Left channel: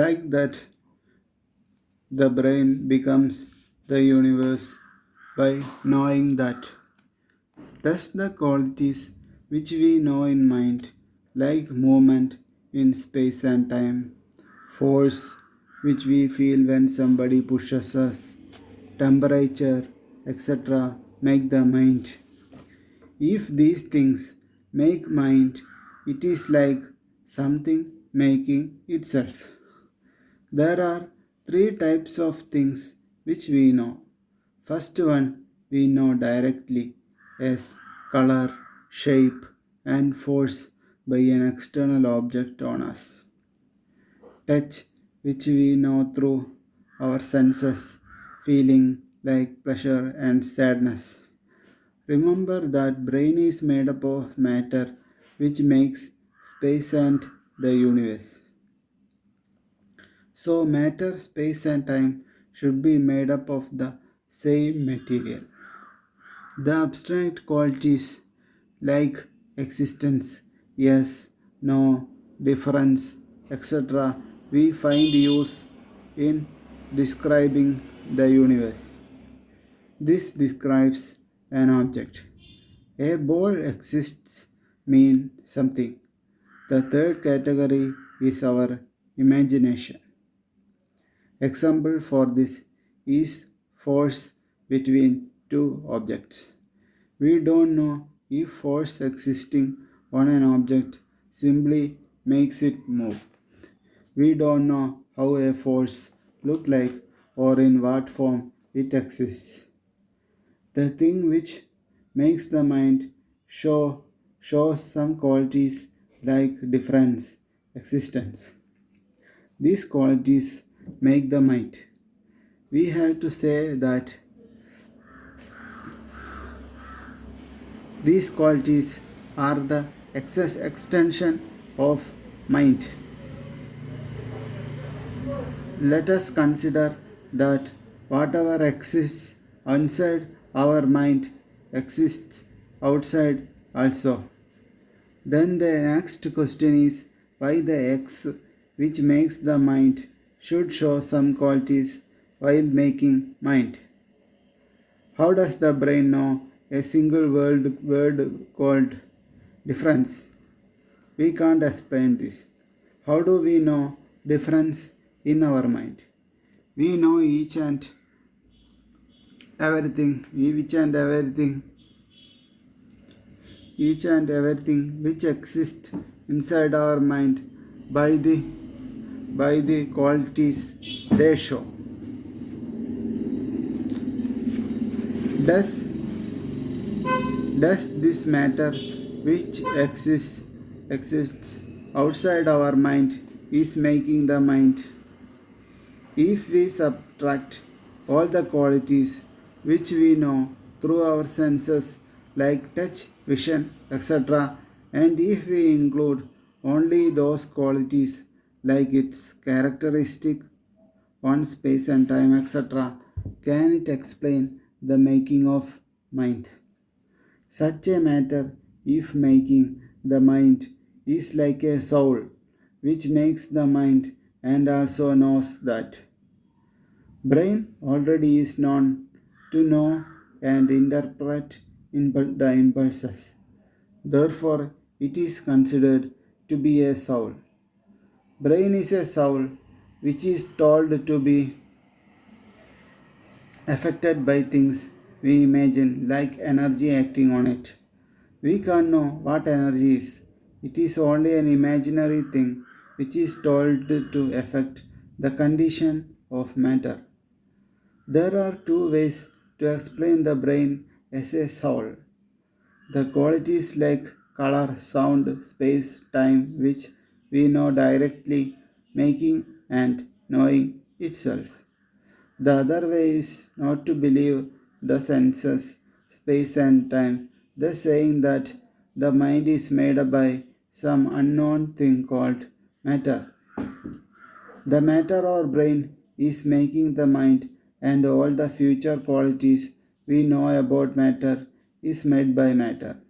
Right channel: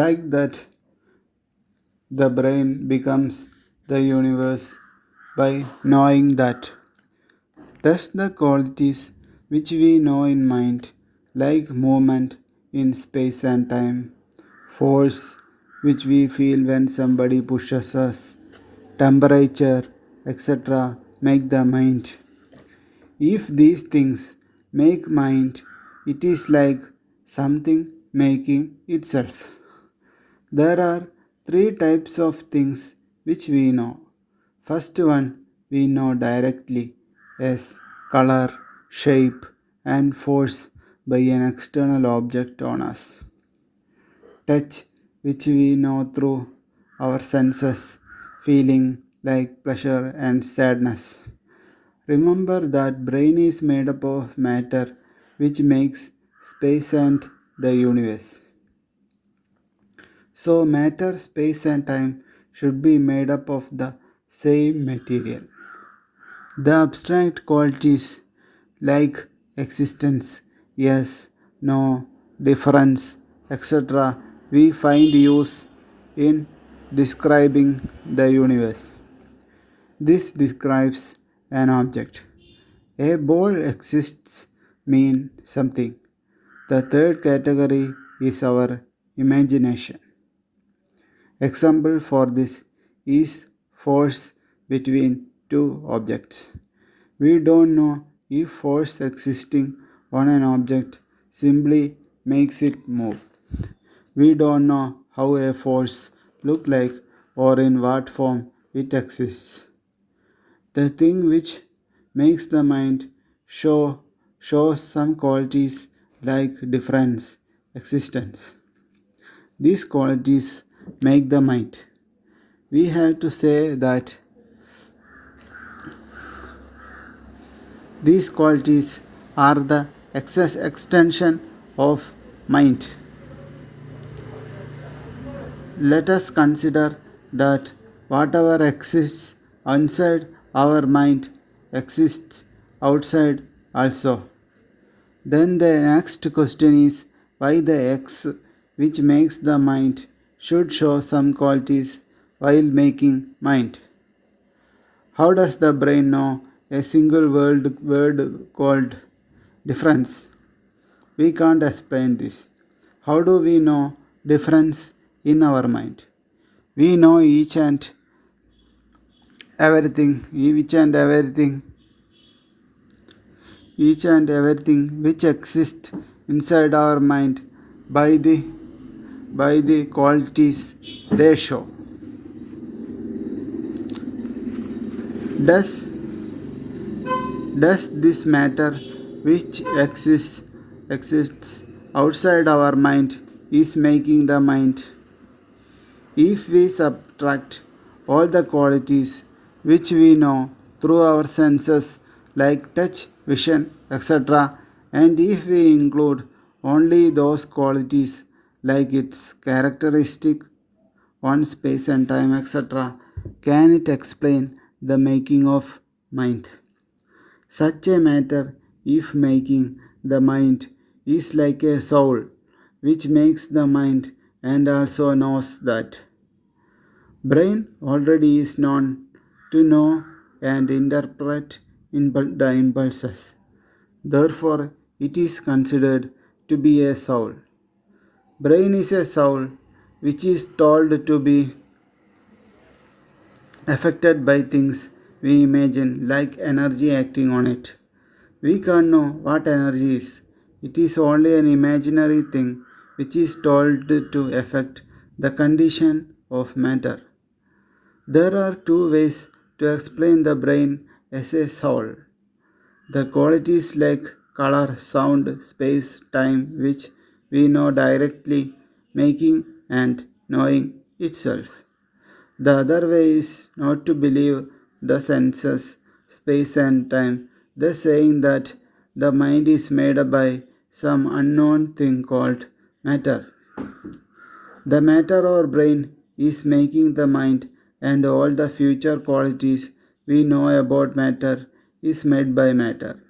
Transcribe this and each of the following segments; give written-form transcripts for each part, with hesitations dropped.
Like that, the brain becomes the universe by knowing that. Thus, the qualities which we know in mind, like movement in space and time, force which we feel when somebody pushes us, temperature, etc., make the mind. If these things make mind, it is like something making itself. There are three types of things which we know. First one we know directly as color, shape, and force by an external object on us. Touch, which we know through our senses, feeling like pleasure and sadness. Remember that brain is made up of matter which makes space and the universe. So matter, space and time should be made up of the same material. The abstract qualities like existence, yes, no, difference, etc., we find use in describing the universe. This describes an object. A ball exists mean something. The third category is our imagination. Example for this is force between two objects. We don't know if force existing on an object simply makes it move. We don't know how a force look like or in what form it exists. The thing which makes the mind shows some qualities like difference, existence. These qualities make the mind. We have to say that these qualities are the extension of mind. Let us consider that whatever exists inside our mind exists outside also. Then the next question is why the X, which makes the mind, should show some qualities while making mind. How does the brain know a single word called difference? We can't explain this. How do we know difference in our mind? We know each and everything which exists inside our mind by the qualities they show. Does this matter which exists outside our mind is making the mind? If we subtract all the qualities which we know through our senses like touch, vision, etc., and if we include only those qualities like its characteristic on space and time, etc., can it explain the making of mind? Such a matter, if making the mind, is like a soul which makes the mind and also knows that. Brain already is known to know and interpret the impulses. Therefore, it is considered to be a soul. Brain is a soul which is told to be affected by things we imagine, like energy acting on it. We can't know what energy is. It is only an imaginary thing which is told to affect the condition of matter. There are two ways to explain the brain as a soul. The qualities like color, sound, space, time, which we know directly, making and knowing itself. The other way is not to believe the senses, space, and time, thus saying that the mind is made up by some unknown thing called matter. The matter or brain is making the mind, and all the future qualities we know about matter is made by matter.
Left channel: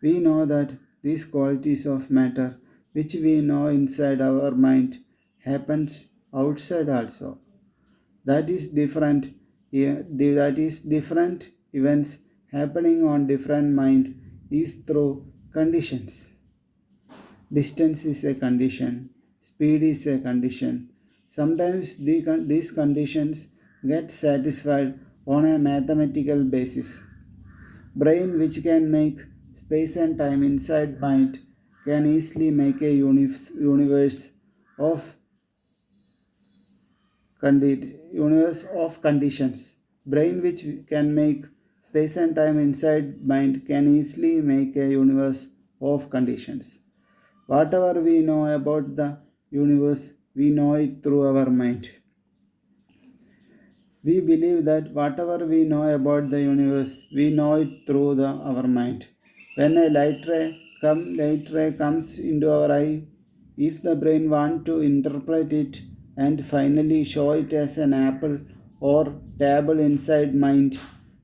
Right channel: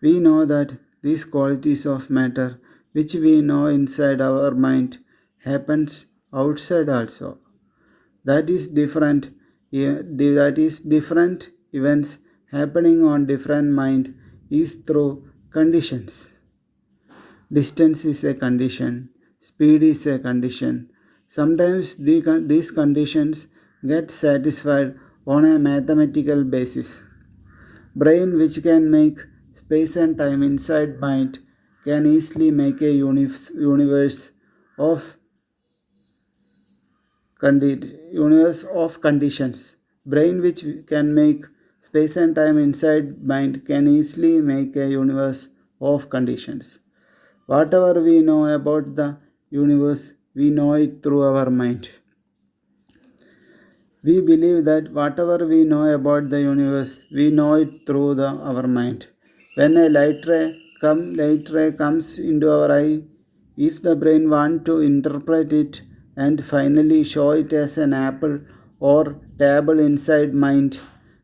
We know that these qualities of matter, which we know inside our mind, happens outside also. That is different. That is different events happening on different mind is through conditions. Distance is a condition, speed is a condition. Sometimes these conditions get satisfied on a mathematical basis. Brain which can make space and time inside mind can easily make a universe of universe of conditions. Brain which can make space and time inside mind can easily make a universe of conditions. Whatever we know about the universe, we know it through our mind. We believe that whatever we know about the universe, we know it through our mind. When a light ray comes into our eye, if the brain want to interpret it and finally show it as an apple or table inside mind,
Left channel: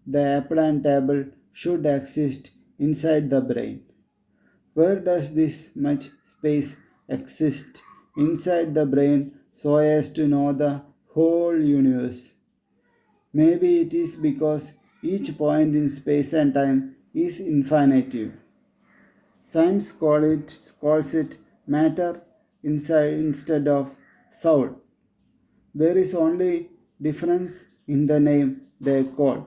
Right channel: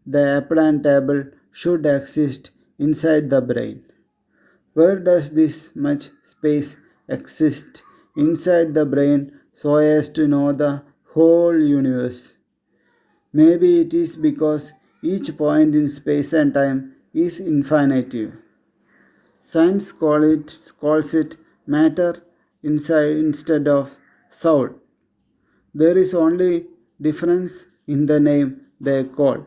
the apple and table should exist inside the brain. Where does this much space exist inside the brain so as to know the whole universe? Maybe it is because each point in space and time is infinitive. Science calls it matter instead of soul. There is only difference in the name they call.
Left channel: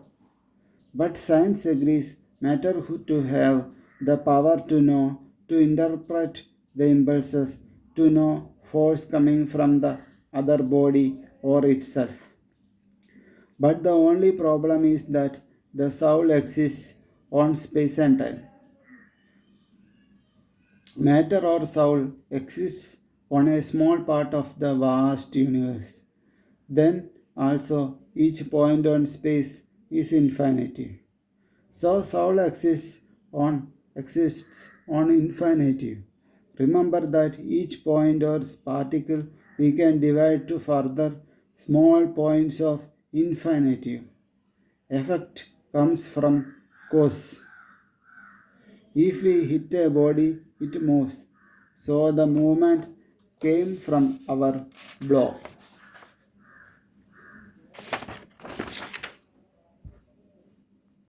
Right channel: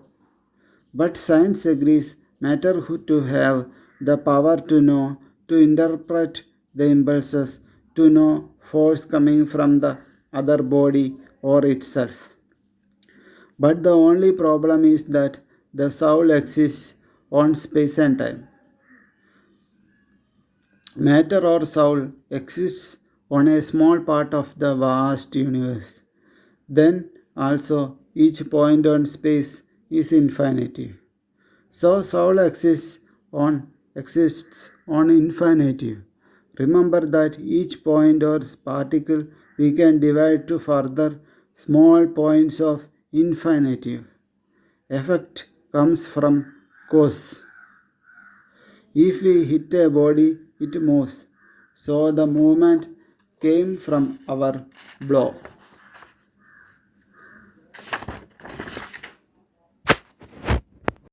But science agrees matter to have the power to know, to interpret the impulses, to know force coming from the other body or itself. But the only problem is that the soul exists on space and time. Matter or soul exists on a small part of the vast universe. Then also each point on space is infinitive. So soul exists on infinitive. Remember that each point or particle we can divide to further small points of infinitive. Effect comes from cause. If we hit a body, it moves. So the movement came from our blow.